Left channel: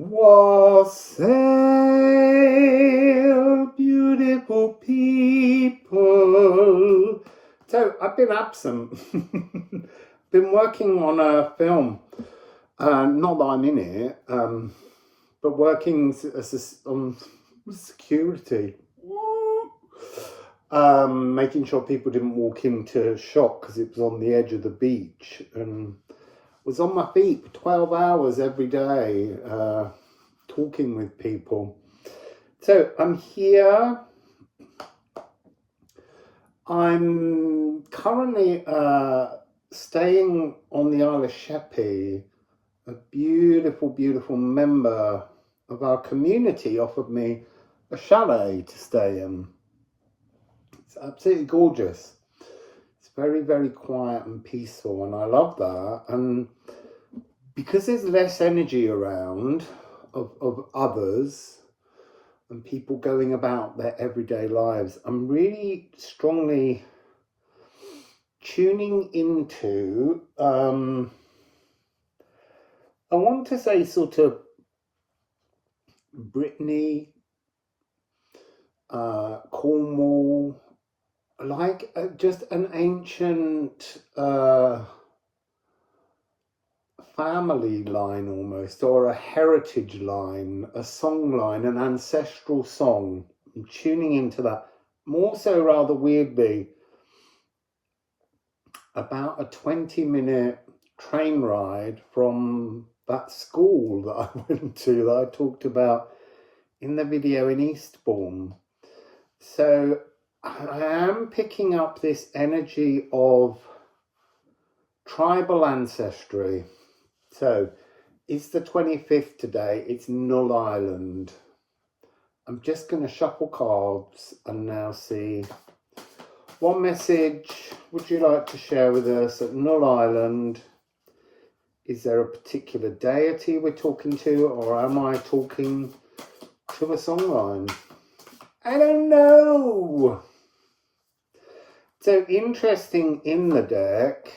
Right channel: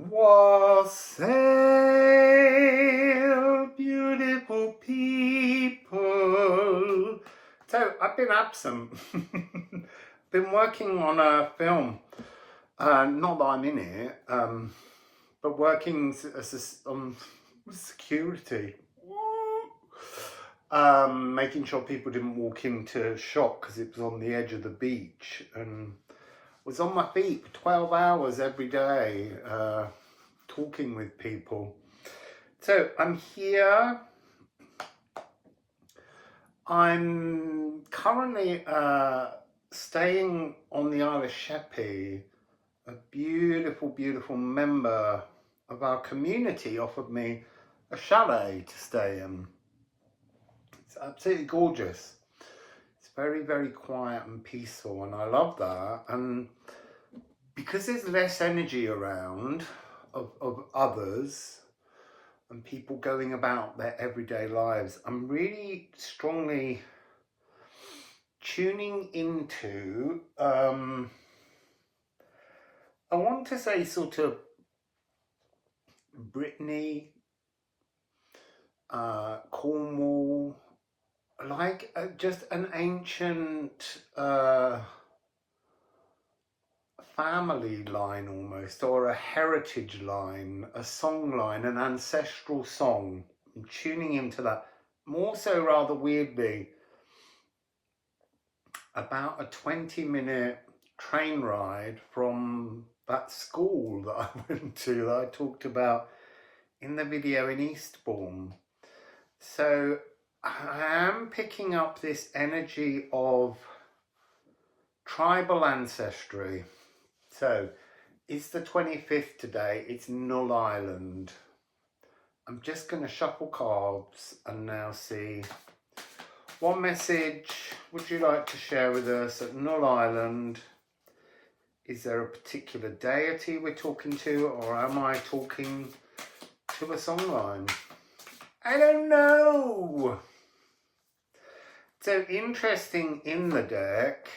Wassail, beautiful people. So I've been absent. Been working on a film. Not that I'm in it, but working on security. Making sure people didn't walk into shock because it was on the edge of the beach, and was on my feet for 12 hours every day, talking with people. So I'm here. I'm currently staying on the Isle of Sheppey. A beautiful, beautiful member of our community offered me a chalet to stay in. It's absolutely gorgeous. It's very, very quiet and peaceful, and I love that. And because there's less energy around of others and people going about their everyday lives, I'm really strongly tuning into, I want to say sort of Brittany, Cornwall, like just an ancient family line almost, or a heritage line, a song line, an ancestral song. I'm tuning into that. More so, rather weirdly, about a 20-minute train ride from that school that I went to, that I talked about in the video in Eastbourne. So I am picking up this energy of tribal ancestry. So it's the 25th today, it's Null Island. I'm just going to shuffle cards and now see what message would you like to share with us at Null Island. Is there a particular deity we're talking to, or am I talking to a songline? I don't know. So interesting in the deck,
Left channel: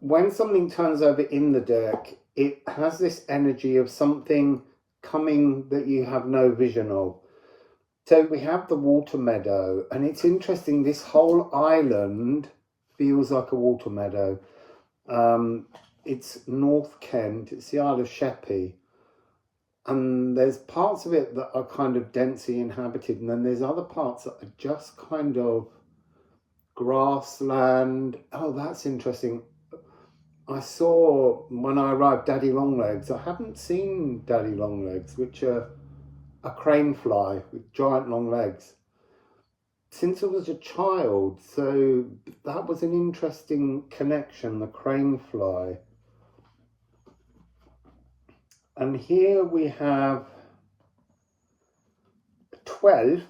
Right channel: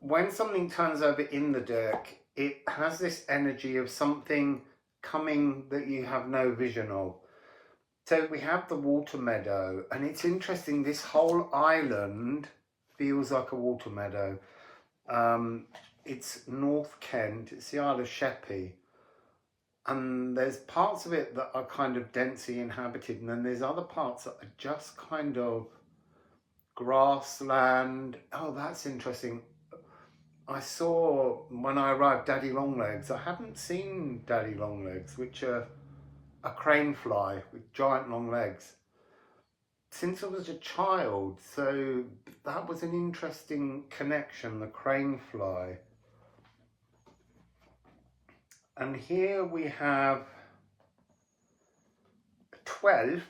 when something turns over in the deck, it has this energy of something coming that you have no vision of. So we have the water meadow, and it's interesting, this whole island feels like a water meadow. It's North Kent, it's the Isle of Sheppey, and there's parts of it that are kind of densely inhabited, and then there's other parts that are just kind of grassland. Oh, that's interesting. I saw when I arrived Daddy Longlegs. I haven't seen Daddy Longlegs, which are a crane fly with giant long legs, since I was a child. So that was an interesting connection, the crane fly. And here we have 12th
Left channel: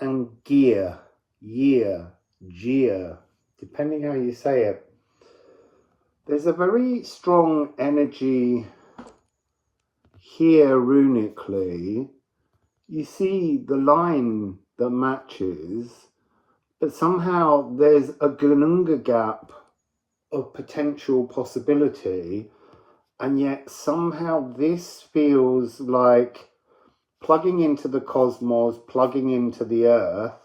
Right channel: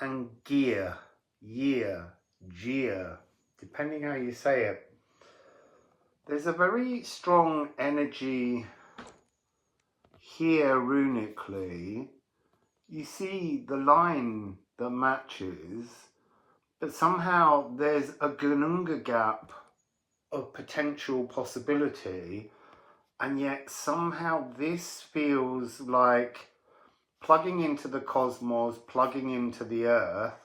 and gear, year, gear, depending how you say it. There's a very strong energy here runically. You see the line that matches, but somehow there's a Gununga gap of potential possibility, and yet somehow this feels like plugging into the cosmos, plugging into the earth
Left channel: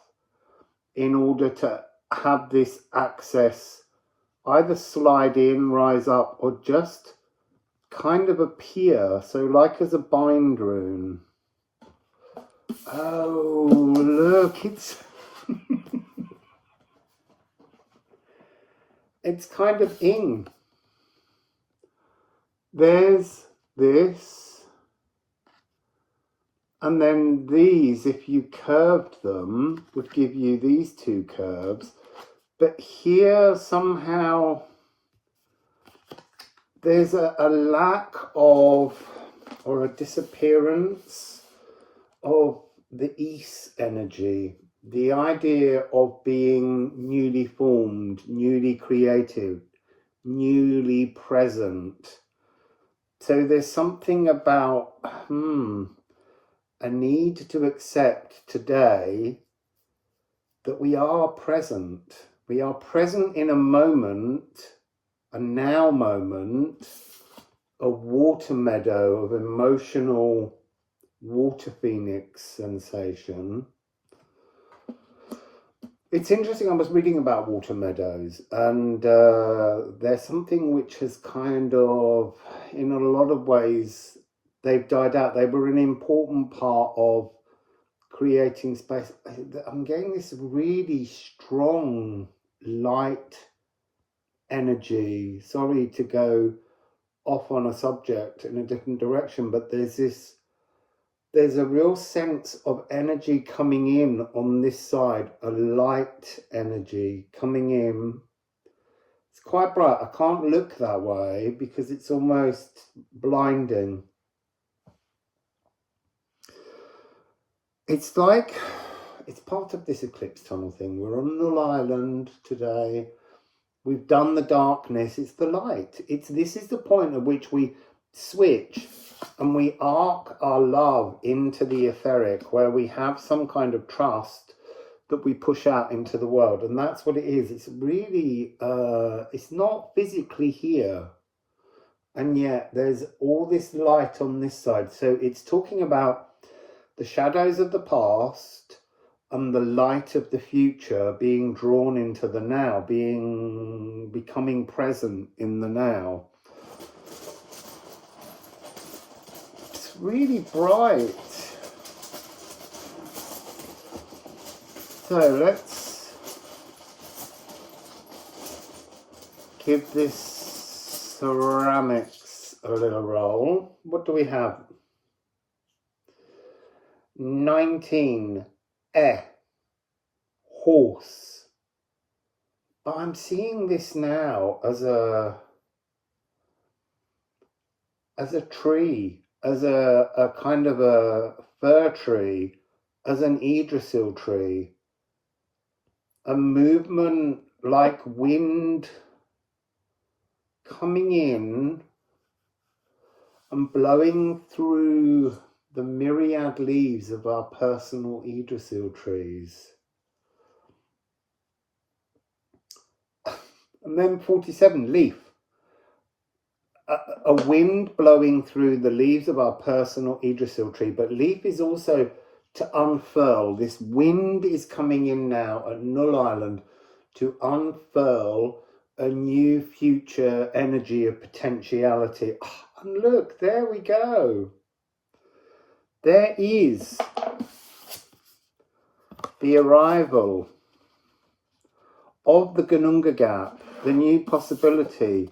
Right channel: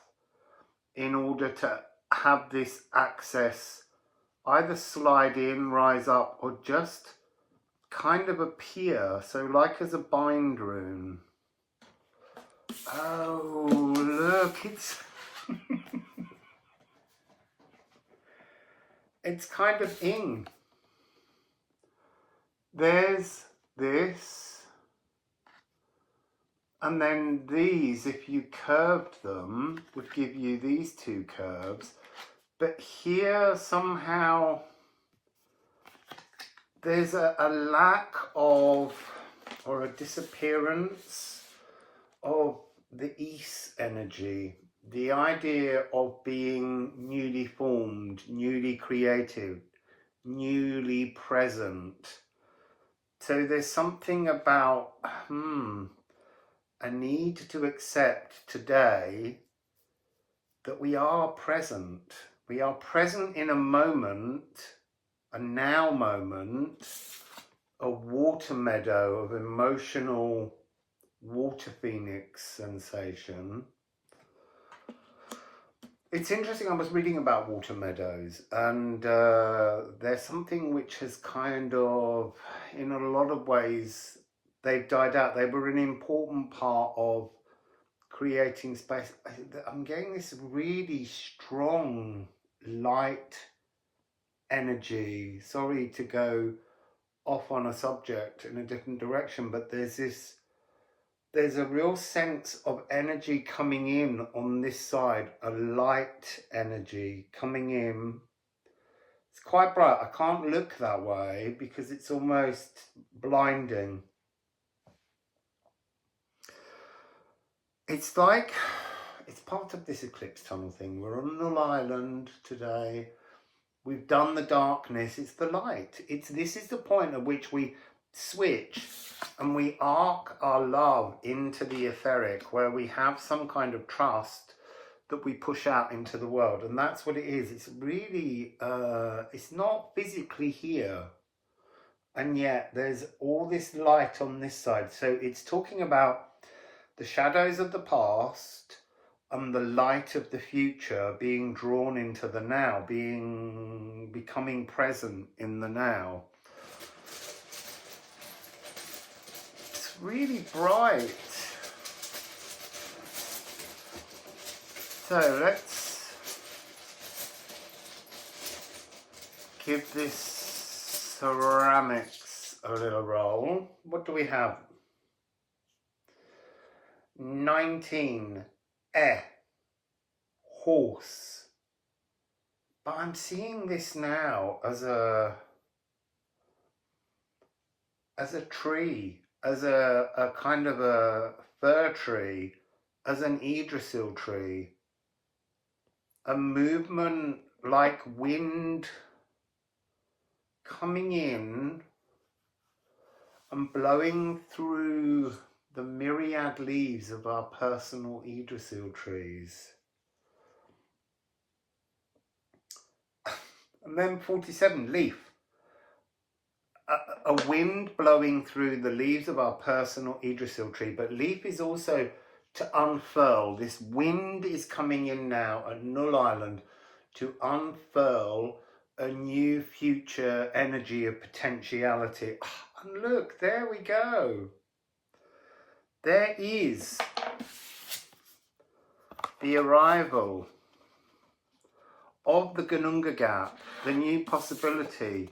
in order to have this access, either slide in, rise up, or just kind of appear. So like as a bind rune. Oh, look, it's it's kind of in. There's this, and then these, if you curved them, would give you these two curves. But here somehow there's a lack of, or a disappearance of the East energy, the idea of being newly formed, newly creative, newly present. So there's something about a need to accept today that we are present. We are present in a moment, a now moment, a water meadow of emotional water phoenix sensation. It's interesting, I was reading about water meadows, and there's something which has kind of, in a lot of ways, they've died out. They were an important part of creating space. I'm getting this really strong light energy. Sorry to go off on a subject in a different direction, but there's a real sense of energy coming in on this side, a light energy coming in. It's quite bright. I can't look that way because it's almost blinding. It's like, it's part of this eclipse tunnel thing. We're on Null Island today. We've done the darkness. It's the light. This is the point at which we switch and we arc our love into the etheric, where we have some kind of trust that we push out into the world. And that's what it is. It's really, it's not physically here. And yet there's all this light on this side. So it's talking about the shadows of the past and the light of the future being drawn into the now, becoming present in the now. It's really bright. So let's give this ceramics a little roll. What do we have? 19. Horse. But I'm seeing this now as a tree, as a kind of a fir tree, as an Yggdrasil tree. A movement like wind coming in and blowing through the myriad leaves of our personal Yggdrasil trees. And then 47, leaf. A wind blowing through the leaves of our personal Yggdrasil tree. But leaf is also to unfurl. This wind is coming in now at Null Island to unfurl a new future energy of potentiality. And look, there we go. There is the arrival of the Gununga gap, the new possibility,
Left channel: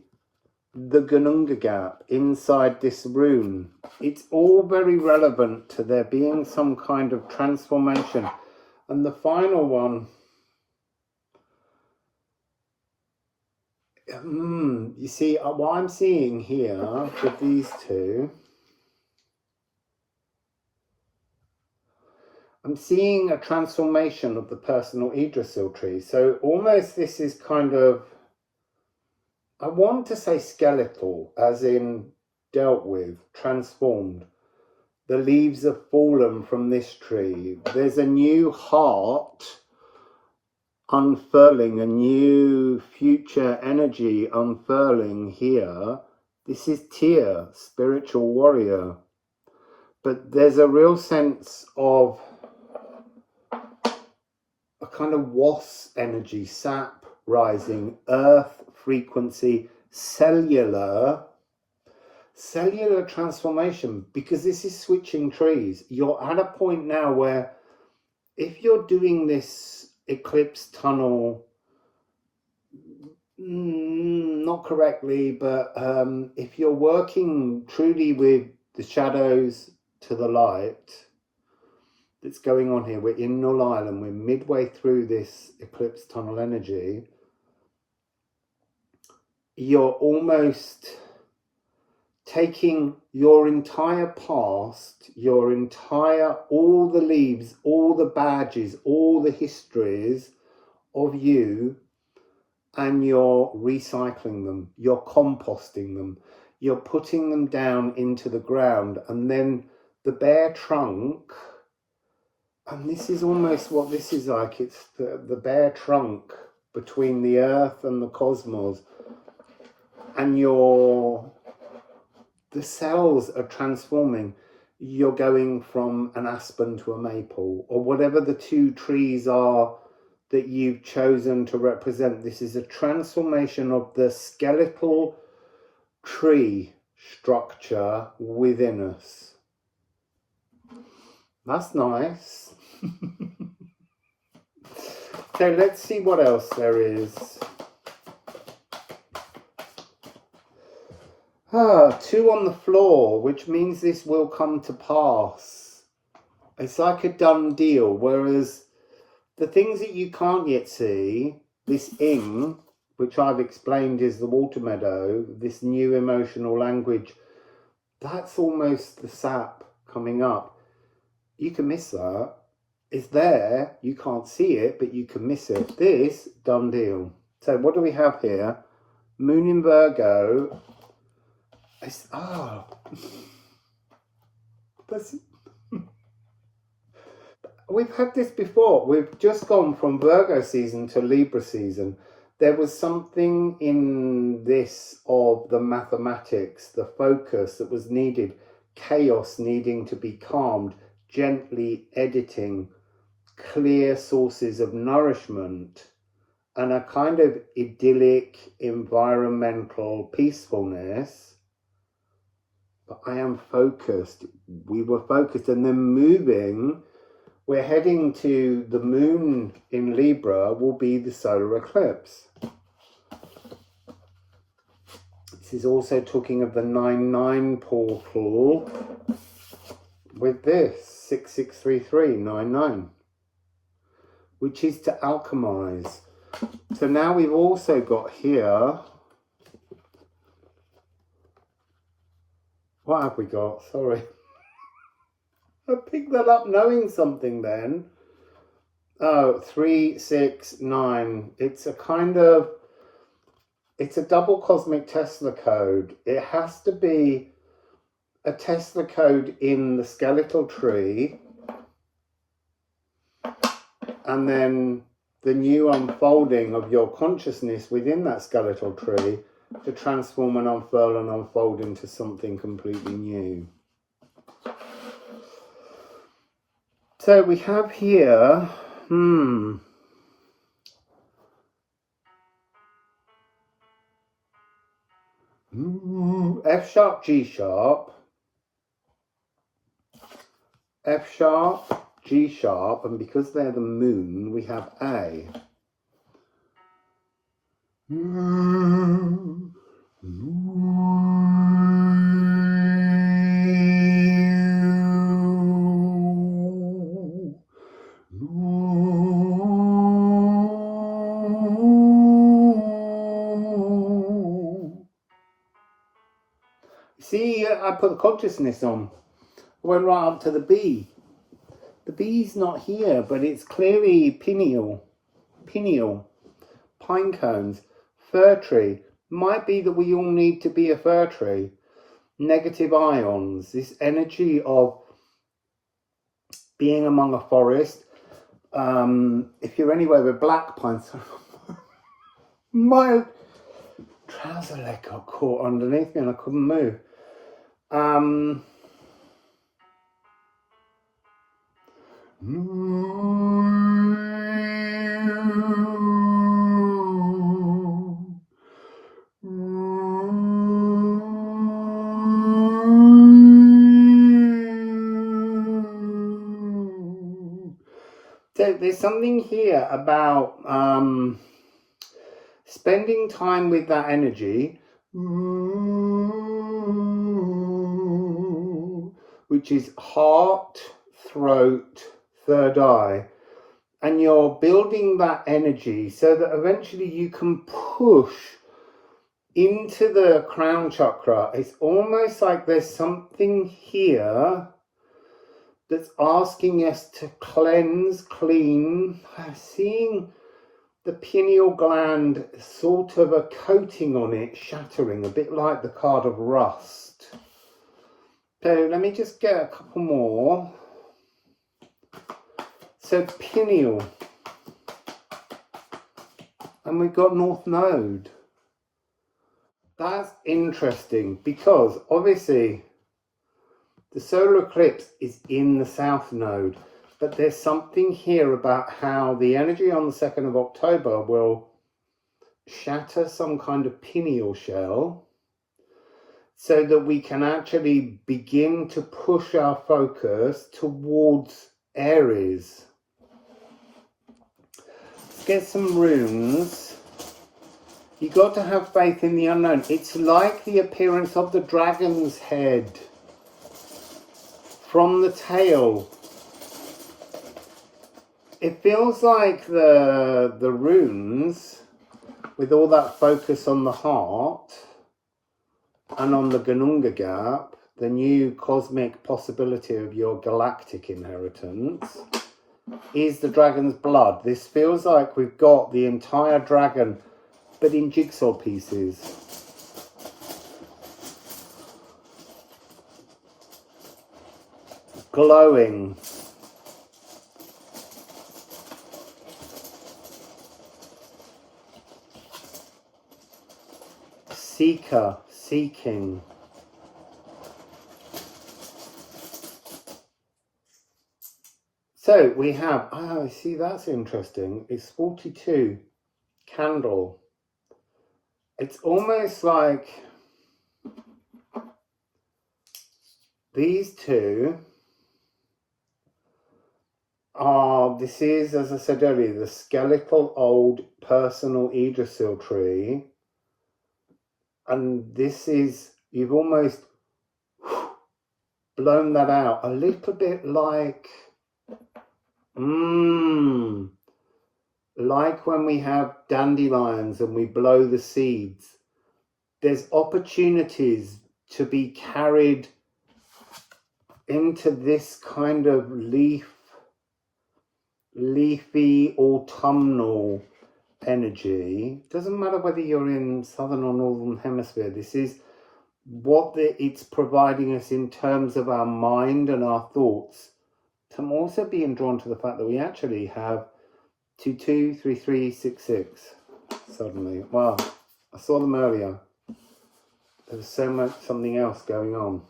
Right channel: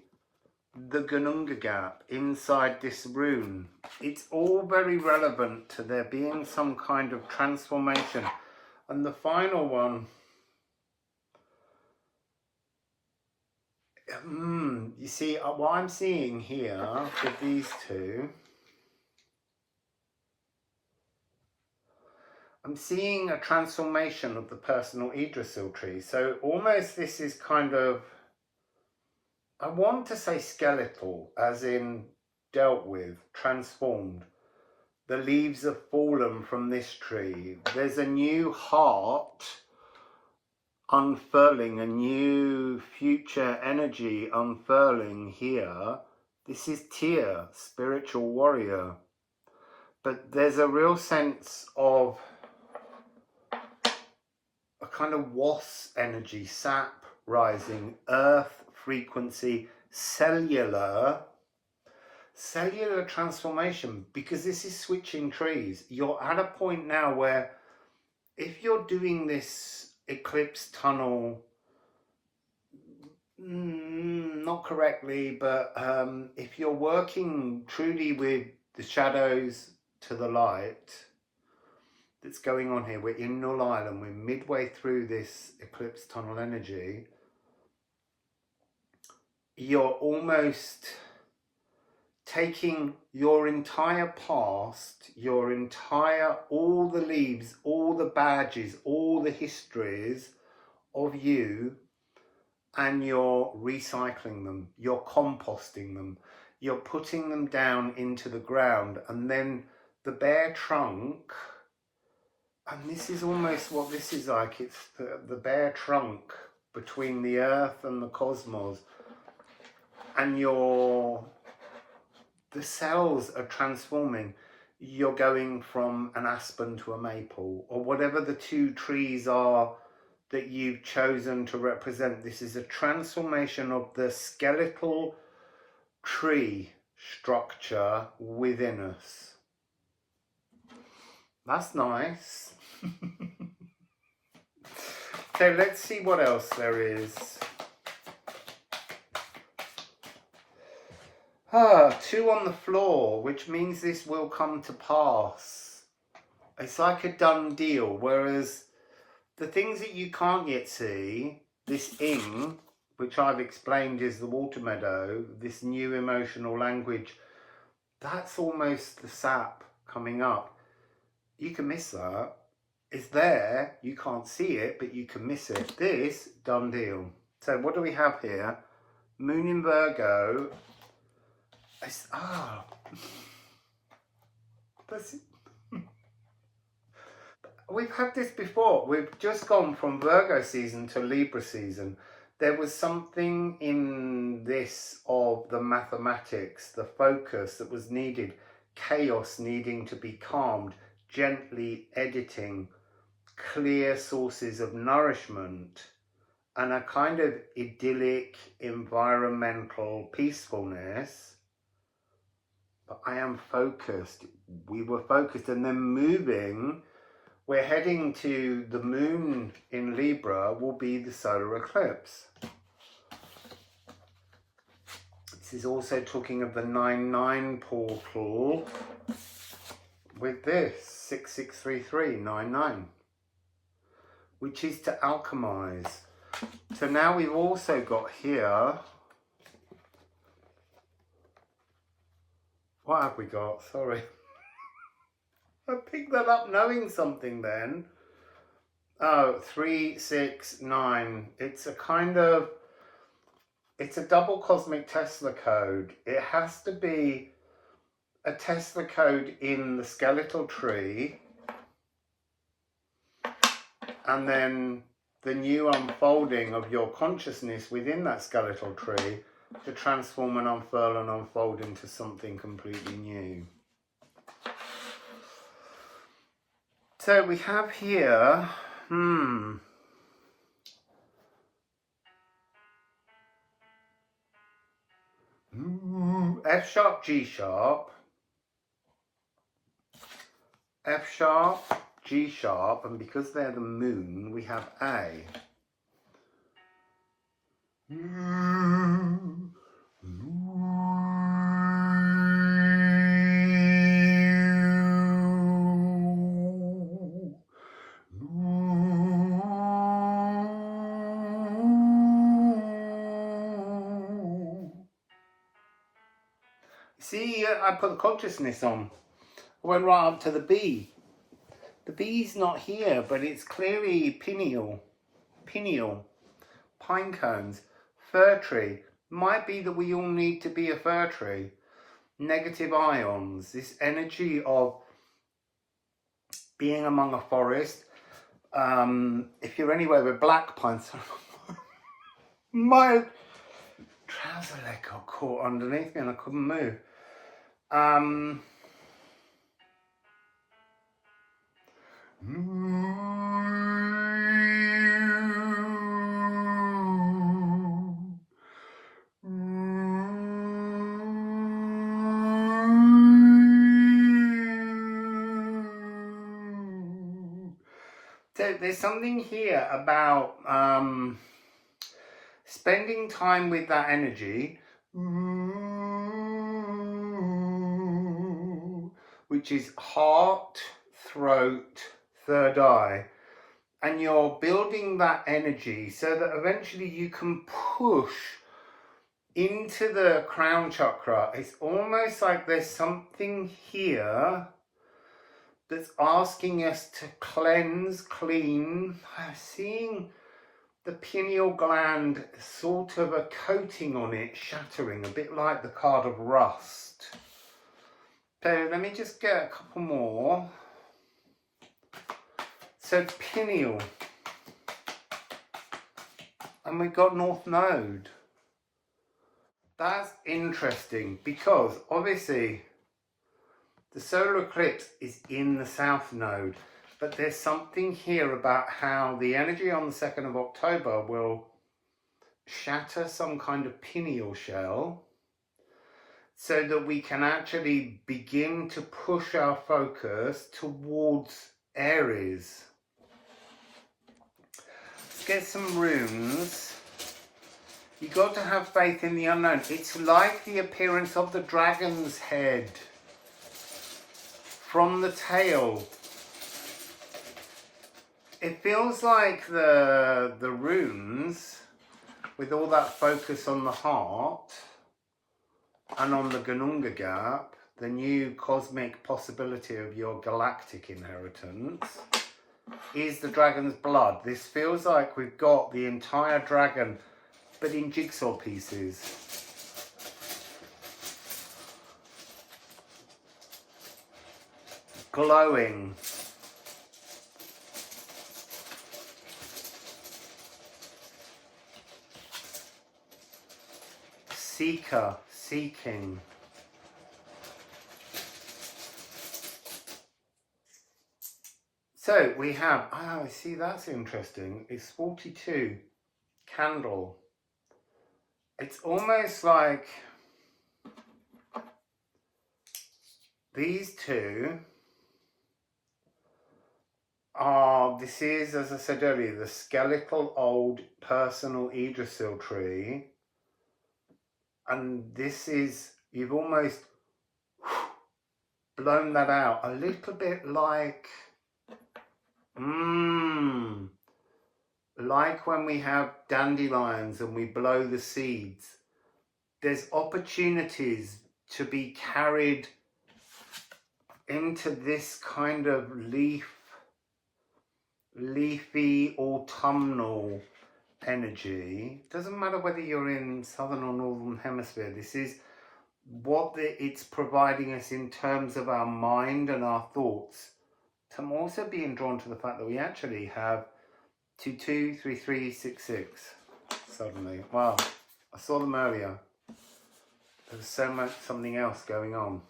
the Gununga gap inside this rune. It's all very relevant to there being some kind of transformation. And the final one, you see, what I'm seeing here with these two, I'm seeing a transformation of the personal Yggdrasil tree. So almost this is kind of, I want to say skeletal, as in dealt with, transformed. The leaves have fallen from this tree. There's a new heart unfurling, a new future energy unfurling here. This is Tyr, spiritual warrior. But there's a real sense of a kind of wasp energy, sap rising, earth frequency, cellular transformation, because this is switching trees. You're at a point now where if you're doing this eclipse tunnel not correctly, but if you're working truly with the shadows to the light that's going on here, we're in Null Island, we're midway through this eclipse tunnel energy, you're almost taking your entire past, all the leaves, all the badges, all the histories of you, and you're recycling them, you're composting them, you're putting them down into the ground, and then the bare trunk, and this is almost what this is like, it's the bare trunk between the earth and the cosmos, and the the cells are transforming. You're going from an aspen to a maple, or whatever the two trees are that you've chosen to represent. This is a transformation of the skeletal tree structure within us. That's nice. So let's see what else there is. 2 on the floor, which means this will come to pass. It's like a done deal, whereas the things that you can't yet see, this ing, which I've explained is the water meadow, this new emotional language, that's almost the sap coming up. You can miss that. It's there, you can't see it, but you can miss it. This, done deal. So what do we have here? Moon in Virgo. It's, we've had this before. We've just gone from Virgo season to Libra season. There was something in this of the mathematics, the focus that was needed, chaos needing to be calmed, gently editing, clear sources of nourishment, and a kind of idyllic environmental peacefulness. But I am focused. We were focused, and then moving. We're heading to the moon in Libra will be the solar eclipse. This is also talking of the 9-9 portal with this 663399, which is to alchemize. So now we've also got here, what have we got? Sorry. I picked that up knowing something then. Oh, 369. It's a kind of, it's a double cosmic Tesla code. It has to be a Tesla code in the skeletal tree, and then the new unfolding of your consciousness within that skeletal tree to transform and unfurl and unfold into something completely new. So we have here, F sharp, G sharp, F sharp, G sharp, and because they're the moon, we have A. See, I put the consciousness on. I went right up to the B. The B's not here, but it's clearly pineal, pine cones, fir tree. Might be that we all need to be a fir tree. Negative ions, this energy of being among a forest. If you're anywhere with black pines, my trouser leg got caught underneath me and I couldn't move. So there's something here about spending time with that energy, which is heart, throat, third eye, and you're building that energy so that eventually you can push into the crown chakra. It's almost like there's something here that's asking us to cleanse, clean. I'm seeing the pineal gland, sort of a coating on it, shattering, a bit like the card of rust. So let me just get a couple more. So pineal, and we've got North Node. That's interesting because obviously the solar eclipse is in the south node, but there's something here about how the energy on the 2nd of October will shatter some kind of pineal shell so that we can actually begin to push our focus towards Aries. Let's get some runes. You got to have faith in the unknown. It's like the appearance of the dragon's head from the tail. It feels like the runes, with all that focus on the heart and on the Ganunga gap, the new cosmic possibility of your galactic inheritance, is the dragon's blood. This feels like we've got the entire dragon, but in jigsaw pieces. Glowing. Seeker, seeking. So we have, oh, see, that's interesting. It's 42 candle. It's almost like these two are, this is, as I said earlier, the skeletal old personal Yggdrasil tree. And this is, you've almost blown that out a little bit like, like when we have dandelions and we blow the seeds. There's opportunities to be carried into this kind of leafy autumnal energy. Doesn't matter whether you're in southern or northern hemisphere. This is what it's providing us in terms of our mind and our thoughts. I'm also being drawn to the fact that we actually have 223366 suddenly. Wow, I saw them earlier. There was so much something else going on.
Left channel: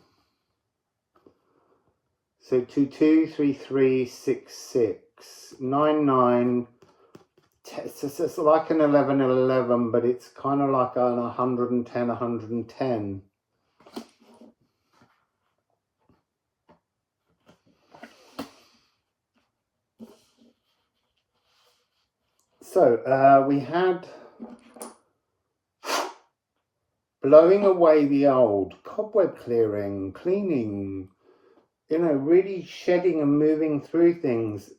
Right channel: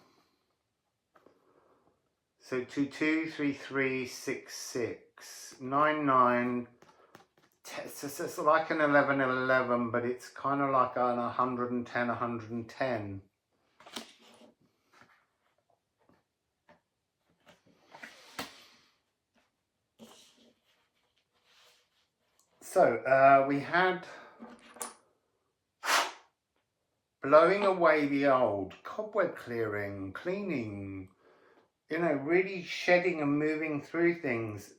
So 223366 99. It's like an 1111, but it's kind of like an 110 110. So we had blowing away the old, cobweb clearing, cleaning, you know, really shedding and moving through things,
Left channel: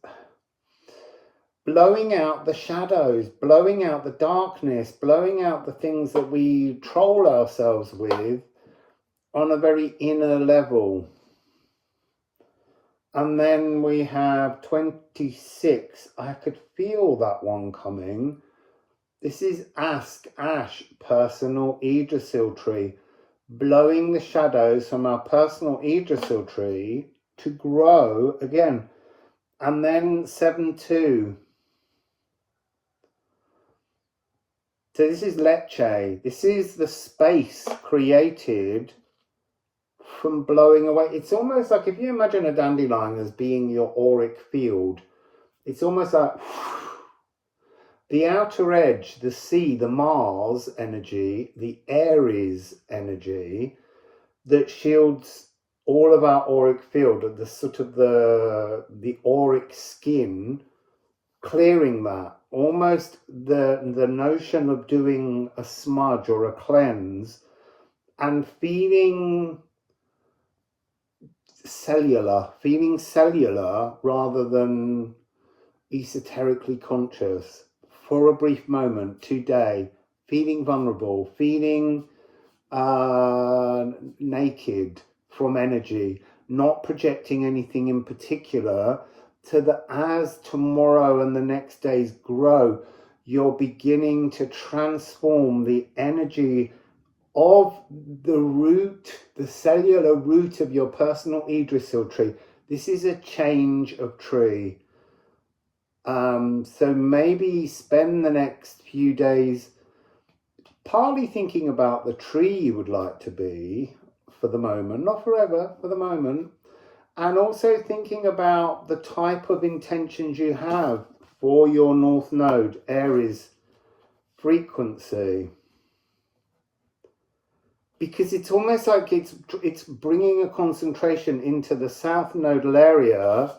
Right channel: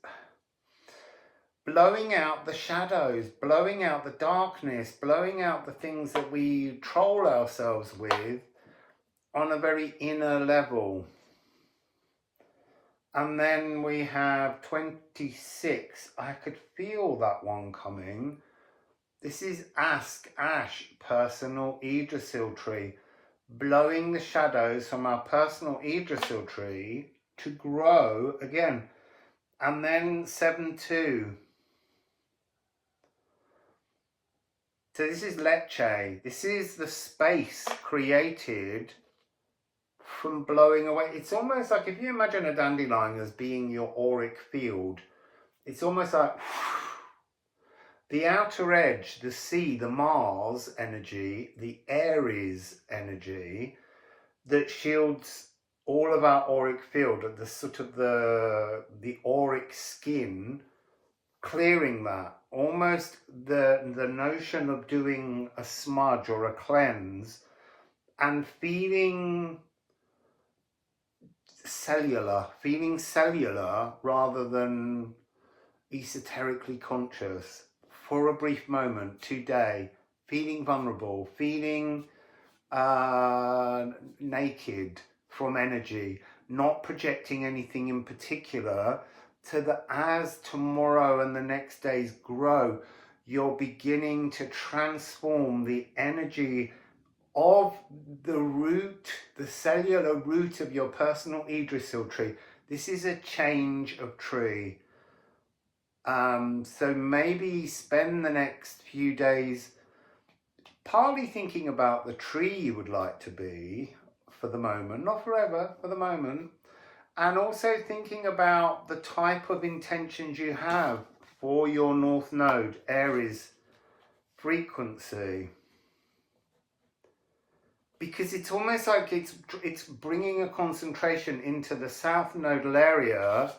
blowing out the shadows, blowing out the darkness, blowing out the things that we troll ourselves with on a very inner level. And then we have 26. I could feel that one coming. This is Ask Ash, personal Yggdrasil tree, blowing the shadows from our personal Yggdrasil tree to grow again. And then 7-2. So this is Lecce. This is the space created from blowing away. It's almost like if you imagine a dandelion as being your auric field, it's almost like the outer edge, the sea, the Mars energy, the Aries energy that shields all of our auric field, the sort of the auric skin, clearing that. Almost the notion of doing a smudge or a cleanse and feeling cellular rather than esoterically conscious for a brief moment today, feeling vulnerable, feeling naked from energy, not projecting anything in particular, so that as tomorrow and the next days grow, you're beginning to transform the energy of the root, the cellular root of your personal Yggdrasil tree. This is a change of tree. So maybe spend the next few days partly thinking about the tree you would like to be for the moment, not forever, for the moment, and also thinking about the type of intentions you have for your North Node, Aries frequency. Because it's almost like it's bringing a concentration into the South Nodal area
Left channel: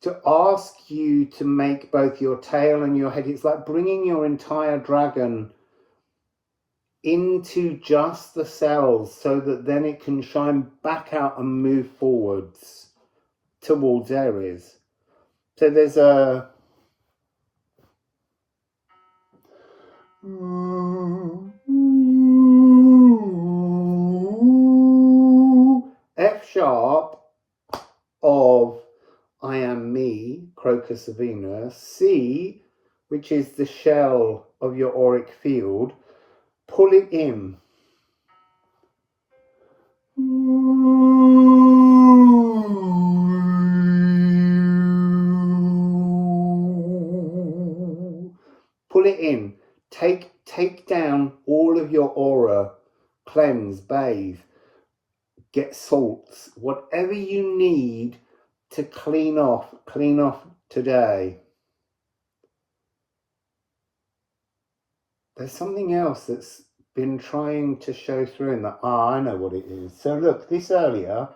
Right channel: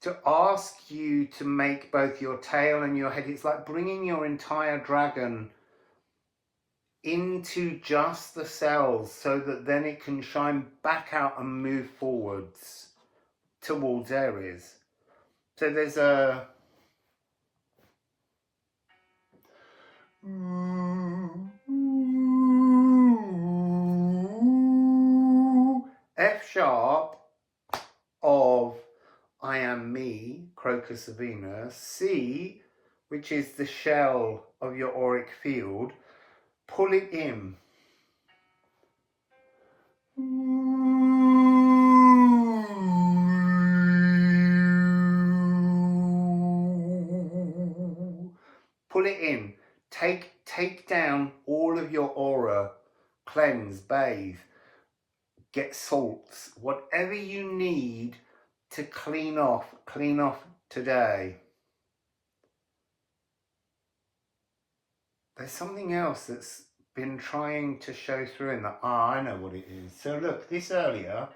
to ask you to make both your tail and your head. It's like bringing your entire dragon into just the cells so that then it can shine back out and move forwards towards Aries. So there's a F sharp of I am me, Crocus of Venus, C, which is the shell of your auric field, pull it in. Pull it in. Take down all of your aura, cleanse, bathe, get salts, whatever you need to clean off today. There's something else that's been trying to show through in that. Ah, I know what it is. So look, this earlier.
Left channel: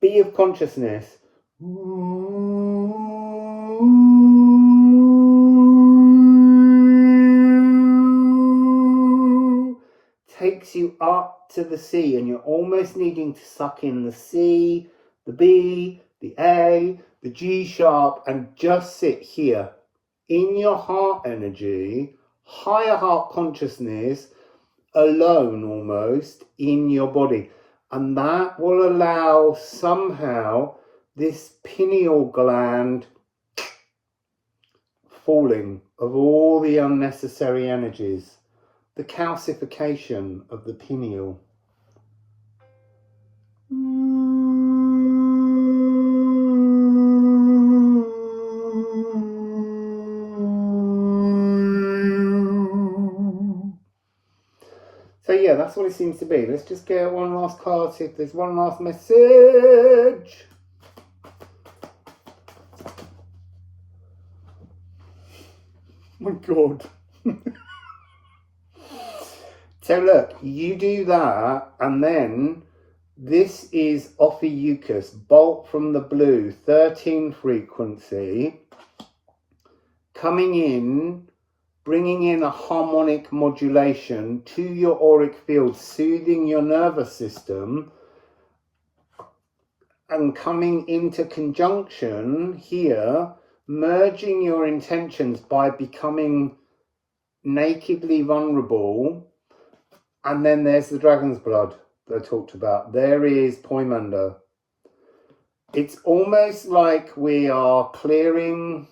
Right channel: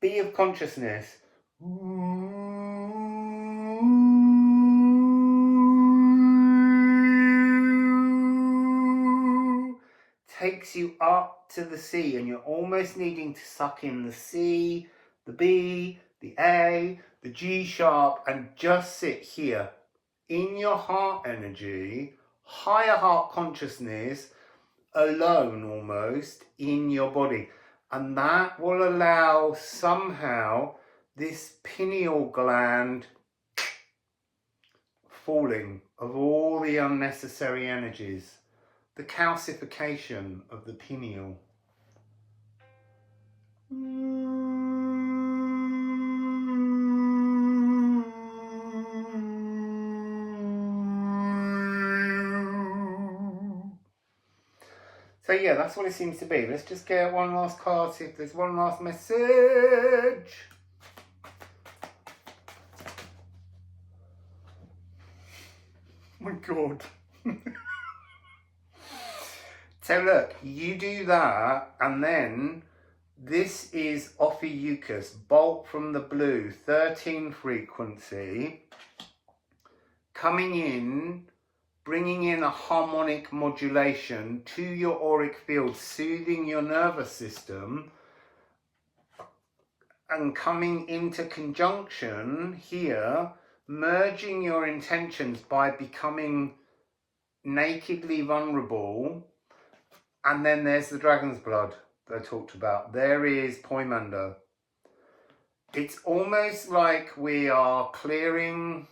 Be of consciousness. Takes you up to the C, and you're almost needing to suck in the C, the B, the A, the G sharp, and just sit here in your heart energy, higher heart consciousness, alone almost in your body. And that will allow somehow this pineal gland falling of all the unnecessary energies, the calcification of the pineal. So yeah, that's what it seems to be. Let's just get one last card, see if there's one last message. My God. So look, you do that, and then this is Ophiuchus, Bolt from the Blue, 13 frequency, coming in, bringing in a harmonic modulation to your auric field, soothing your nervous system, and coming into conjunction here, merging your intentions by becoming nakedly vulnerable. And then there's the dragon's blood that I talked about. There is Poimander. It's almost like we are clearing,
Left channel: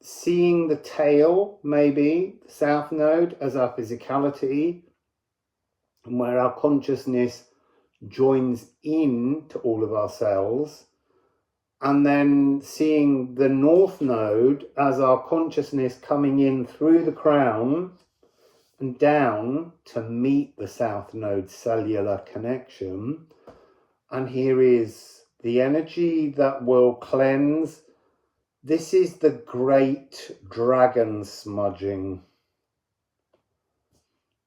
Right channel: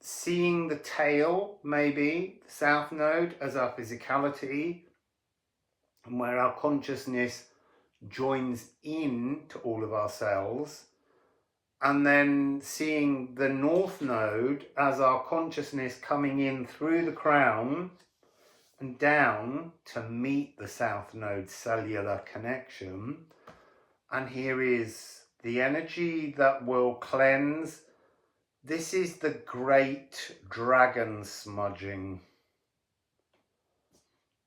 seeing the tail, maybe, the South Node as our physicality, and where our consciousness joins in to all of our cells, and then seeing the North Node as our consciousness coming in through the crown and down to meet the South Node cellular connection. And here is the energy that will cleanse. This is the great dragon smudging,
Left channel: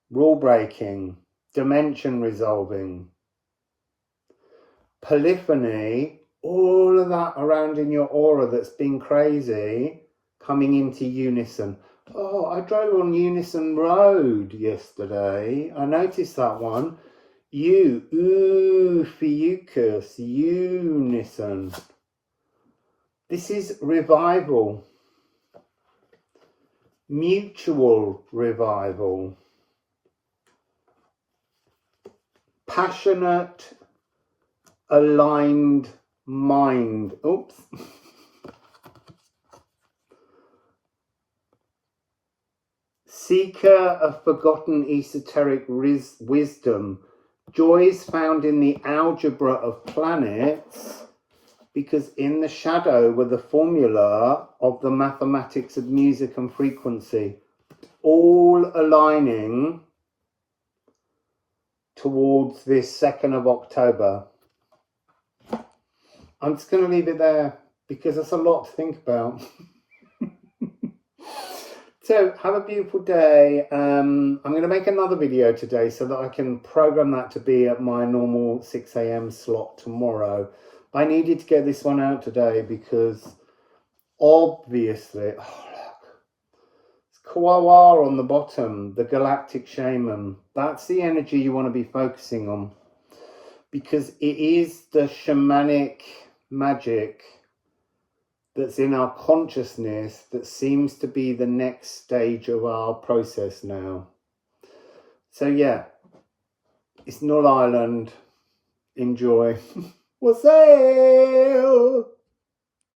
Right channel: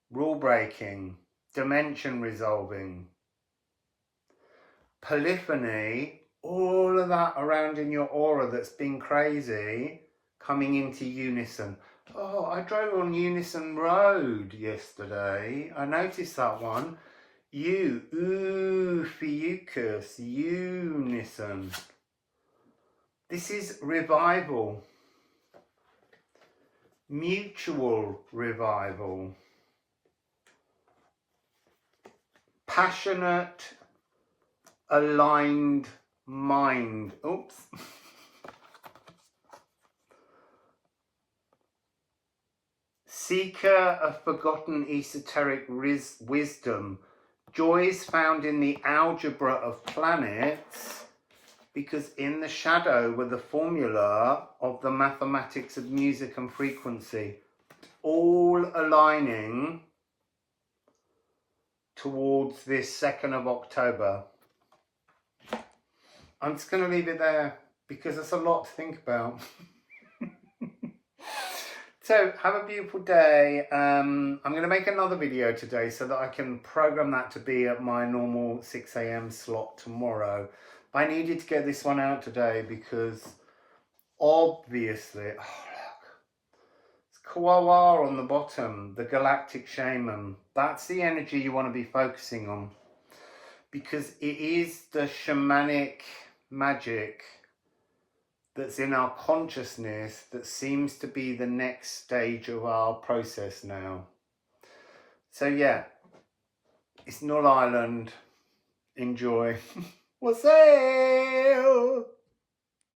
rule breaking, dimension resolving, polyphony, all of that around in your aura that's been crazy, coming into unison. Oh, I drove on Unison Road yesterday. I noticed that one. Ophiuchus, unison. This is revival. Mutual revival. Passionate, aligned mind. Oops. Seeker of forgotten esoteric wisdom Joy is found in the algebra of planets, because in the shadow were the formula of the mathematics of music and frequency, all aligning towards this 2nd of October. I'm just going to leave it there because that's a lot to think about. So have a beautiful day. I'm going to make another video today so that I can program that to be at my normal 6 a.m. slot tomorrow. I needed to get this one out today because obviously, oh look, it's Kawawa on the bottom, the galactic shaman. That's the energy you want to be focusing on, because it is the shamanic magic that's in our consciousness that seems to be the next stage of our process now. So yeah, it's Null Island. Enjoy. Wassail!